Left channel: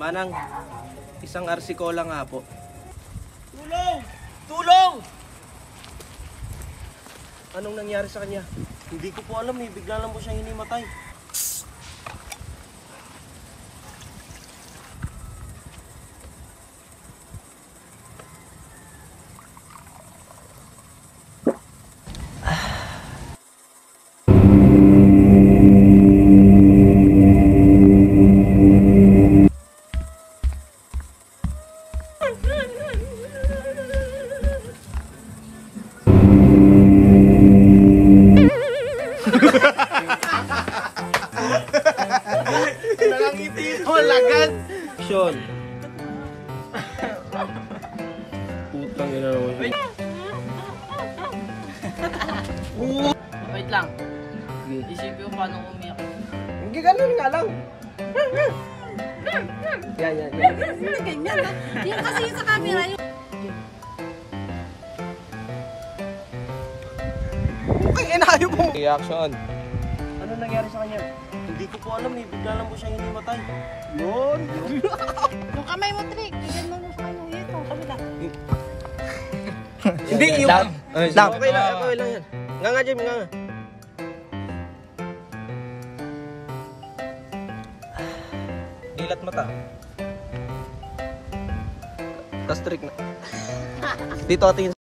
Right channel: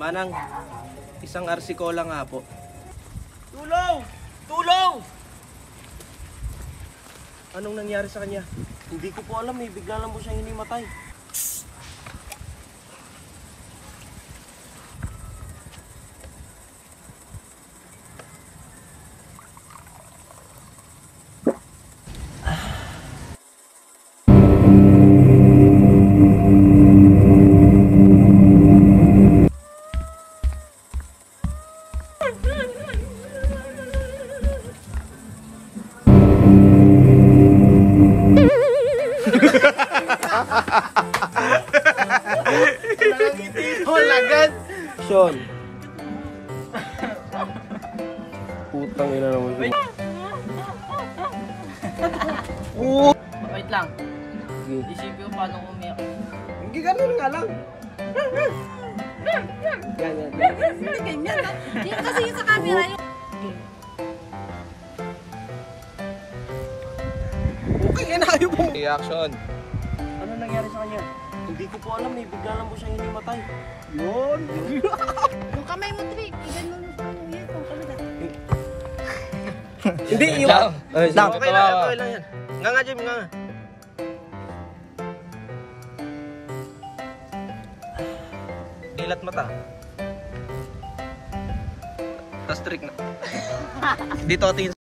Manang, isang arsikola nga po. Tulong! Tulong! Anong nangyari sa kanya? Hindi ko po alam eh, bigla lang po siyang hinimatay. Nangangiti mo, lagad! Sean. Putang ina naman siya. Wait lang. Isipin ko paano umiyak. Hindi ganun nga lang. Ganyan. Hindi ganyan. Yung kasi yung sa camera yung... Okay, inayo mo. Reaction. Ano nangyari sa kanya? Hindi ko po alam eh, bigla lang po siyang hinimatay. Yun. Yung kamay mo, Trick. Ganyan mo sa kanya. Ito, kabila. Hindi, yung... Down. Okay lang yan. Nga nga, Jim, nga nga. Dilat mata. Tas trick na. Dito atin.